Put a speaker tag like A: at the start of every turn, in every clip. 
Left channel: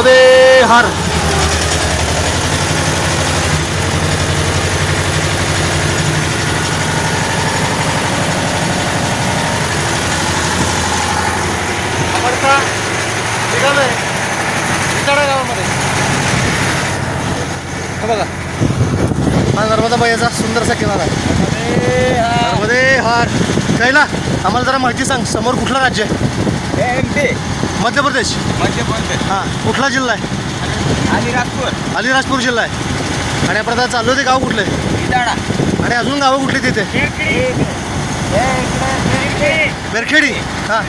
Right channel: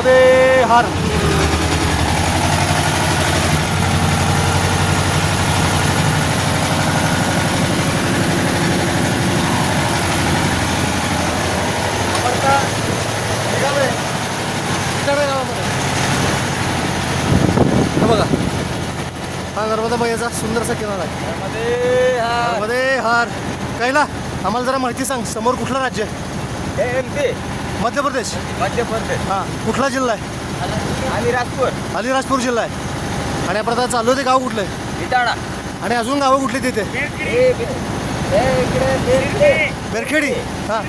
A: नर्मदे हार आपण का बघा हा नर्मदा मैयाचा सुंदरसा किनारा आहे अरे हार काय ना आम्हाला जरा माहिती सांग समोर कुठलं राज्य आहे मध्य प्रदेश हां कुठला जिल्हा आहे?
B: अलिराजपूर
A: अलिराजपूर जिल्हा आहे. आणि आपण आता चाललो ते गाव कुठलं आहे? आणि अजून गावं कुठली तिथे? बेरखेडी हां.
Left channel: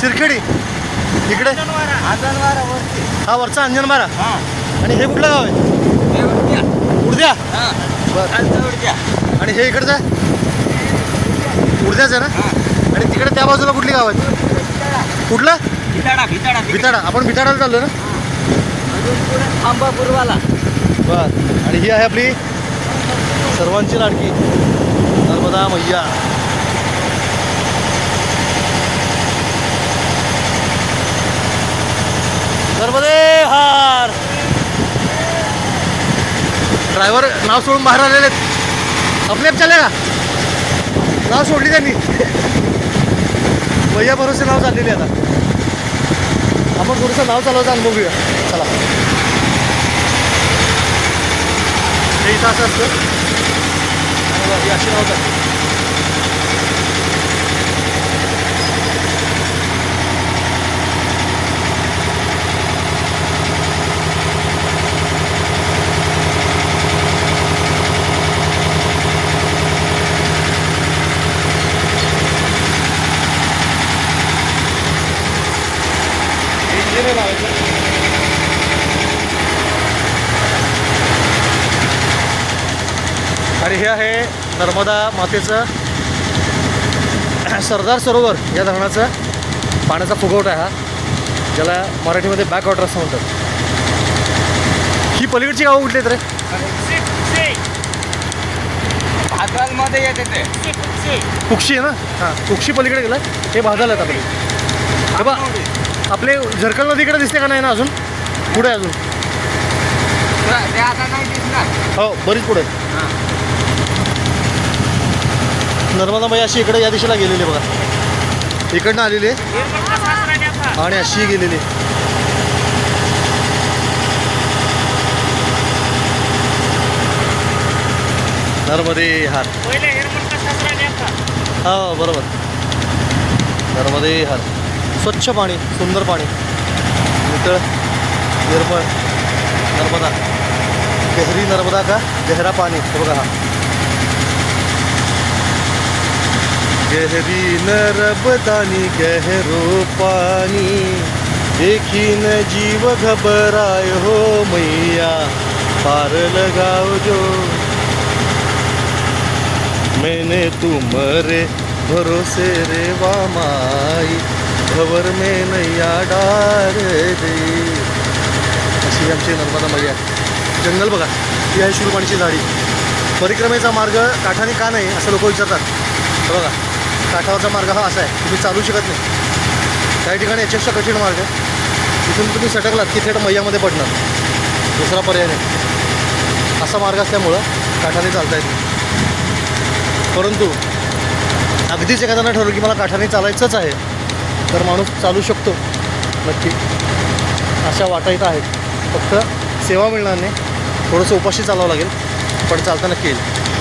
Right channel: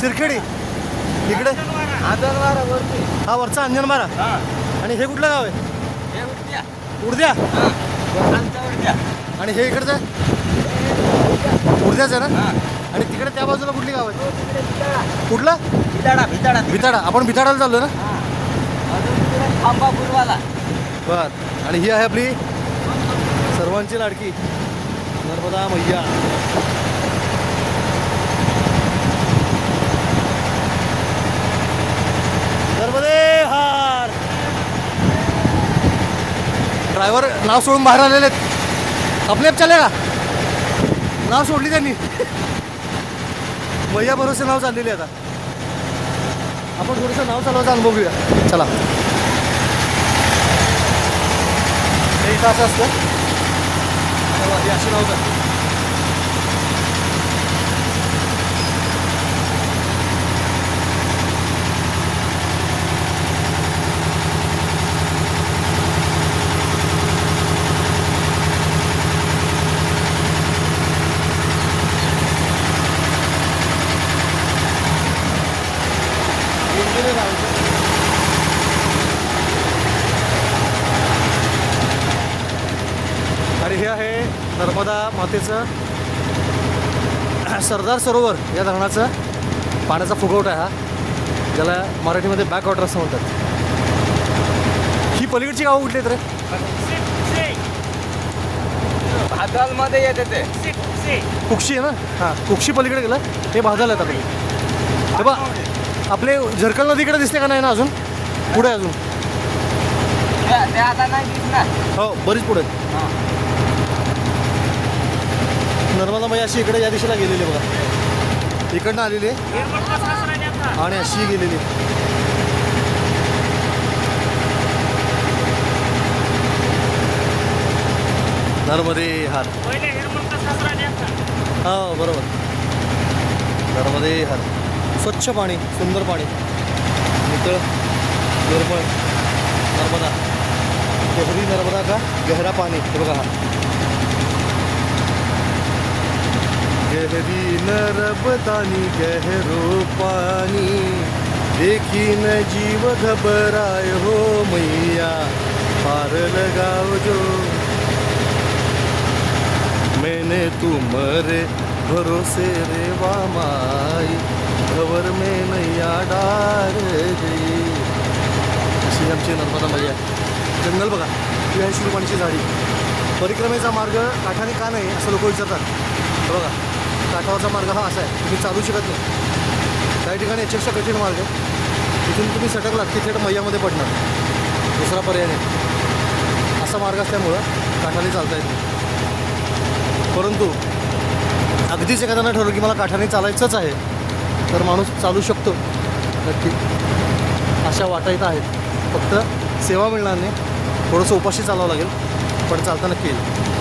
A: शिरखेडी. इकडे?
B: वरती.
A: हा वरचा अंजनमारा आणि हे कुठलं गाव आहे? उडद्या. आणि हे इकडचं? उडद्याच आहे ना? आणि तिकडे त्या बाजूला कुठली गाव आहेत कुठलं?
B: भिताडा भिताडा
A: भिताडा. आपण भिताडाला चाललो ना?
B: अजून पुढे आंबापूरवाला
A: बर. आणि ही आहे आपली सर्वांची लाडकी. नर्मदा मैया. नर्मदे हार. ड्रायव्हर नाव सोडून बाहेर आलेले आहेत. आपले चले का नाव सोडली त्यांनी. मैया भरोसे नाव चाललेली आता. आपण थोडंसं नाव चालवायचं अनुभव घेऊया चला. तास इथं असतं. अशी नाव हे इंजिन लावायचं आणि हे आहे नर्मदा मातेचं सरदार सरोवर या धरणाचा पाण्याचा फुगवटा आहे हा. त्याला मराठीमध्ये बॅक वॉटर असं म्हणतात. ही पलीकडची गावं कुठली आहेत रे?
B: आदनमध्ये येते ते.
A: कुक्षी आहे ना? हां कुक्षी पलीकडे गेला. हे भागाला येतात हे बा आपले झरकल नदीकडे दिसते का नाही ना अजून? पुढे अजून?
B: ते आता नाही दिसणार.
A: हो बरीच पुढे. आहे. नर्मदा मैया अशी इकडे या दिशेला गेलेली बघा. इकडनं आलेली आहे. आणि अशी गेलेली नर्मदे हार. हा बरोबर. नर्मदे हार. स्वच्छ पाणी सुंदर पाणी. इथं निर्मळ नर्मदा. गहरी नर्मदा का? गहरा पाणी. बघा हा. गहरी रबदानी गहरो पानी देखीन जीव घबराय हो मैया पार लगाओ जो. मैंने तुमरे भरोसे रे माई खबर में नैया डार दे. अशी आमची नर्मदा मैया. जंगल बघा ही आहे शिवपाणीची झाडी परिक्रमेचा मार्ग काठाने का नाही असं लोक विचारतात. बघा. काठावरचा मार्ग हा असा आहे तुम्ही चालू शकत नाही. काही ठिकाणी याच्यापेक्षा कठीण मार्ग तिथून तुम्ही सटकलात की थेट मैयामध्ये पडणार. दुसरा पर्याय नाही. असा मार्ग असल्यामुळं काठाने चालता येत परंतु अगदीच एखाद्यानं ठरवलं की मला काठाने चालायचंच आहे तर माणूस चालू शकतो. नक्की. अशा वाटा इथं आहेत. फक्त सेवा मिळणार नाही. थोडंसं उपाशी चालावं लागेल पण चालता नक्की येईल.